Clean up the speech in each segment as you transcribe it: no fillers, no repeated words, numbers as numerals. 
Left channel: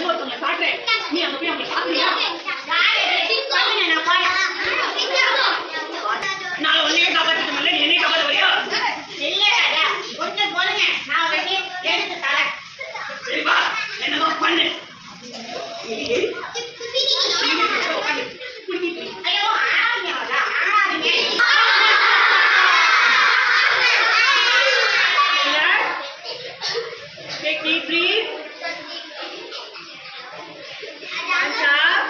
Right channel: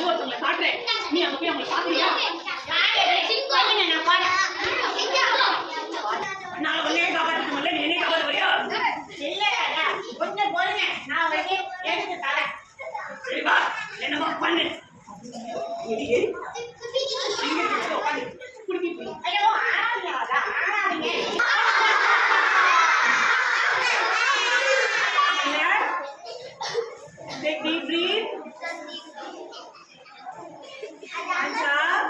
இன்னொருத்தவங்களை காட்டுறேன். நீ அங்க போய் அவங்களை பாக்குறியா? நான் பாடுறேன். நான் உன்னையே காப்பாற்றிட்டு முடியல, நீ என்னைய காப்பாற்ற வரியா? இல்ல கொஞ்சம் போடுங்க, நான் வந்து எடுத்து தரேன். சரிப்பா, என்னமா பண்ணு. ஐயோ ஆடாதீங்க. Take deep breath. Hands up.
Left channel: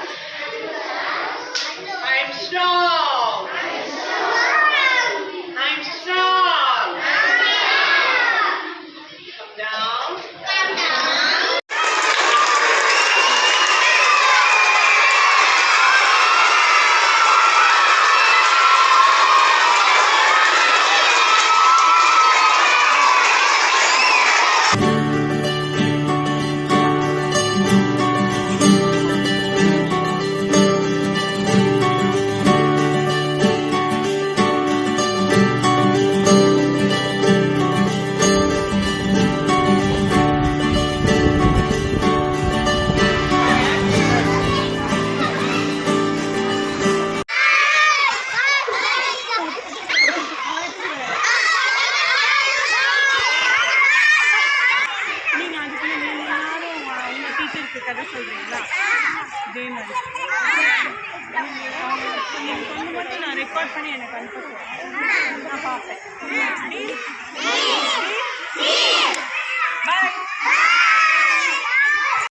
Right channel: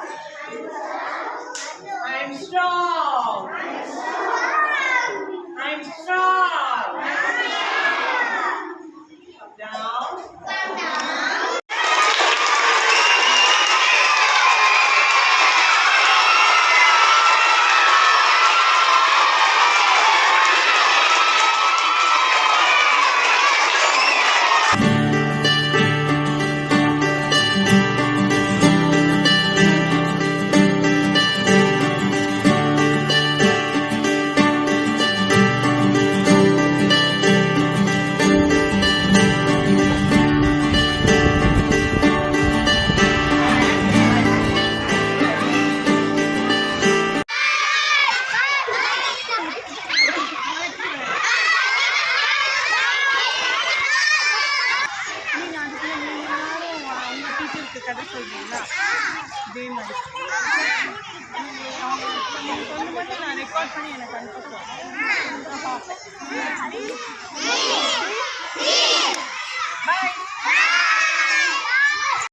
I'm strong. I'm strong. Come down. கதை சொல்றீங்களா? இதே மாதிரி நீங்கள் சொல்லும்போது நான் ரெக்கார்ட் பண்ணி எனக்கு அனுப்ப சொல்றேன், நான் பார்ப்பேன். பாய்.